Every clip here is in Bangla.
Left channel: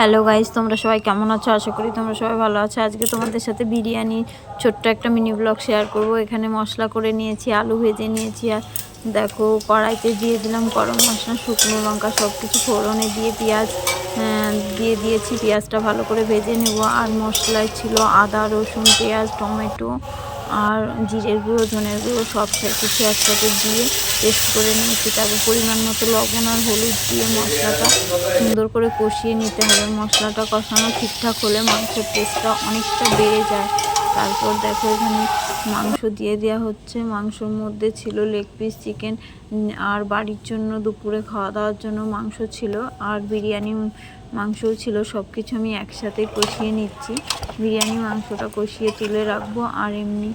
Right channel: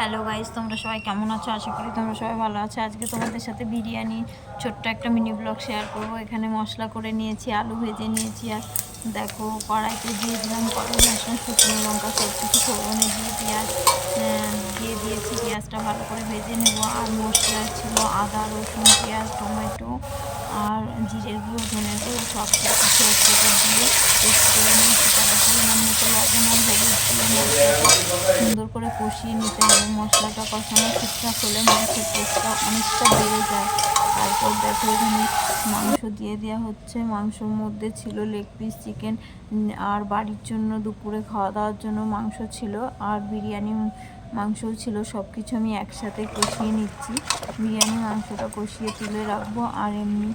হ্যালো গাইজ তোমরা সবাই কেমন আছো? আশা করি তোমরা সবাই ভালো আছো। আজকে তোমাদের সাথে বিরিয়ানি, ছোট্ট একটা মিনি ব্লগ শেয়ার করব। এখানে মশলা করে নিয়েছি, আলু ভেজে নিয়েছি, আর দেখো, কড়াইতে দিয়ে দিলাম গরম মশলা, শুকনো লঙ্কা সব কিছু ফোড়নে দিয়ে পেঁয়াজ দিয়ে দিয়েছি। পেঁয়াজটা ভালো করে ভেজে নেব। আর মশলায় ছিল আদা, রসুন, পেঁয়াজ, টমেটো আর জিরে গুঁড়ো ধনে গুঁড়ো সব কিছু একসাথে দিয়ে পেস্ট করে নিয়েছি। তারপর পরিমাণ মতো লবণ আর হলুদ দিয়ে মশলাটা সুন্দর করে কষিয়ে নিতে হবে। মশলাটা কষানো ঠিকঠাক হলে মাংসের টেস্টটা অনেকটা বেড়ে যায়। তারপর দেখো এখানে মাংস দিয়ে দেওয়া হচ্ছে। মাংসর মধ্যে ছিল লেগ পিস চিকেন আর বাড়ির জন্য দুপুরে খাওয়া দাওয়ার জন্য মাংস ছিল, আর বিরিয়ানি মাংসও ছিল। সব কিছু আমি একসাথে কষিয়ে নিচ্ছি। বিরিয়ানি মাংসটা কষিয়ে তুলে রাখব, আর এমনি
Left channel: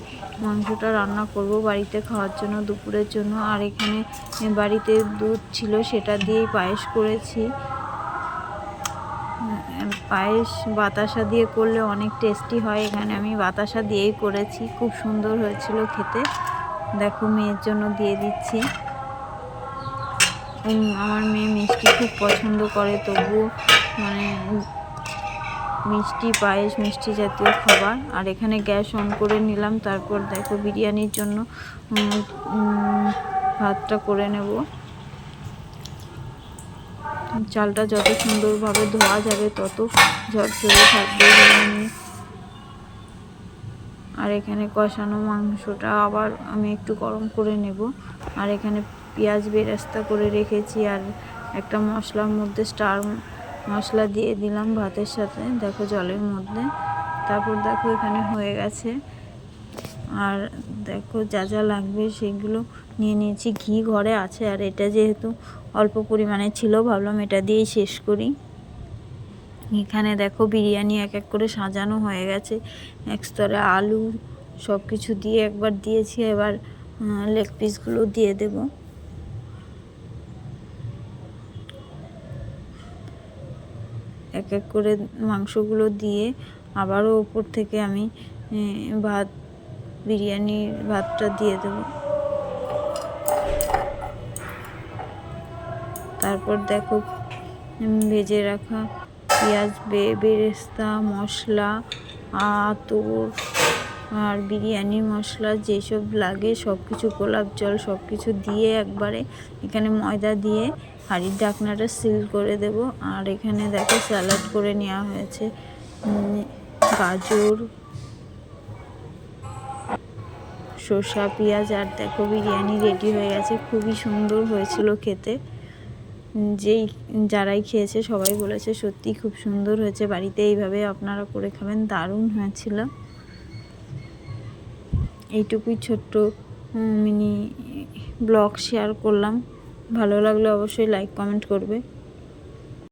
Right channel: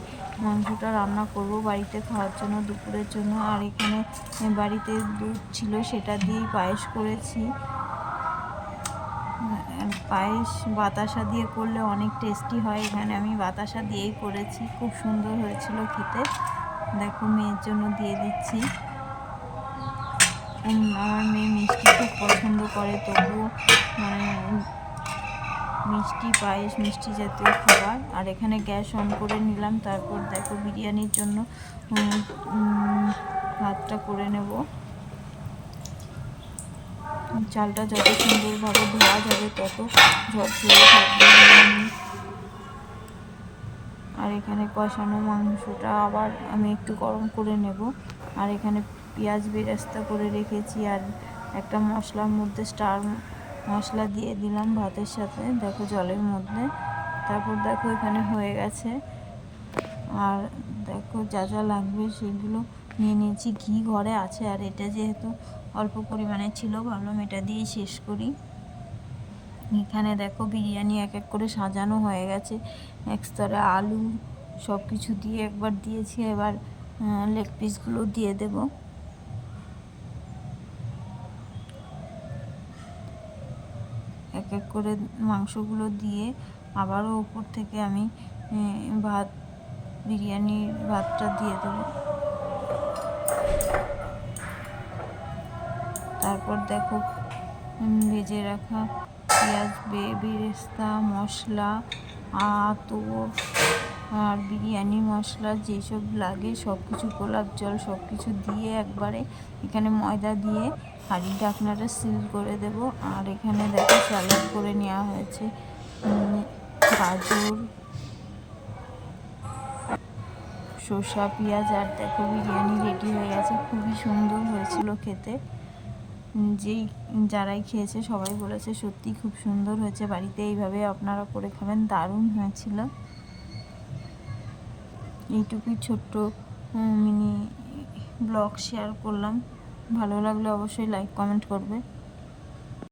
মাংসটা রান্না করব বাড়িতে খাওয়ার জন্য, দুপুরের জন্য। আর এখানে বাড়িতে দুধ ছিল, সেটা দিয়েই পায়েস করেছি। পায়েস বাতাসা দিয়ে করলে অনেক টেস্টি হয়। এখানে আমি বাতাসা দিয়েই করেছি। খুব সুন্দর হয়েছিল খেতে। দেখো, মেয়ের জন্য দিয়ে দিচ্ছি। আমার মেয়ে মিষ্টি খুব পছন্দ করে, তবুও মানে মিষ্টি পায়েস, মিষ্টি জাতীয় খাবার। আর এখানে গ্যাস অন করে নিলাম। তারপর দেখো, বিরিয়ানির জন্য ভাতটা করে নেব। চালটা যত সুন্দরভাবে ধোয়া যাবে, তত ঝরঝরে থাকবে আর এখানে কষানো মাংসটা আবার আমি একটু গরম করে নেব। আর এখানে পেঁয়াজ বেরেস্তা করে রেখেছি আর একটা মশলার মধ্যে স্টার মশলা দিয়ে দিলাম ভাতের সাথে, দেখো জলের মধ্যে। তারপর দেখো এখানে হয়ে গেছে। আর দেখো যা যা লাগবে সেগুলো নিয়ে নিয়েছি, ঘি ঘরে আছে আর এটা যেহেতু অল্প পরিমাণে ছিল, ভাবলাম এটা দিয়েই শেষ করি। এখানে দেখো বিরিয়ানি এক এক করে সাজানো হয়ে গেছে, এক স্তরে আলু সব কিছু দিয়ে একবার দিয়েছি, এবার লেগ পিসগুলো দিয়ে দেব। এক এক করে মাংসগুলো দিয়ে আবারও ওপর থেকে আমি ভাত, বিরিয়ানির ভাতটা দিয়ে দেবো। তারপর দেখো ভেজে রাখা পেঁয়াজ বেরেস্তা, মশলা আতর আর বিরিয়ানি, মশলা যেসব লাগে সব কিছু গোলাপ জল সব কিছু দিয়ে একবারে এখানে ময়দা দিয়ে হাঁড়ির ঢাকনাটা সিল করে দেব। আর এখানে দেখো স্যালাড করে নেওয়া হয়েছে গাজর, শসা, পেঁয়াজ, আর দেখো বিরিয়ানি রেডি হয়ে গেছে। খুবই সুন্দর হয়েছিল খেতে। যেই যারাই খেয়েছে সবাই বলেছে সত্যি খুব সুন্দর হয়েছে, বাড়িতে এইভাবে আপনারা করে খাবেন, দারুণ হয়েছিল। এইটুকুই ছোট্ট মিনি ব্লগ শেয়ার করলাম। ভালো লাগলে অবশ্যই লাইক কমেন্ট করবে।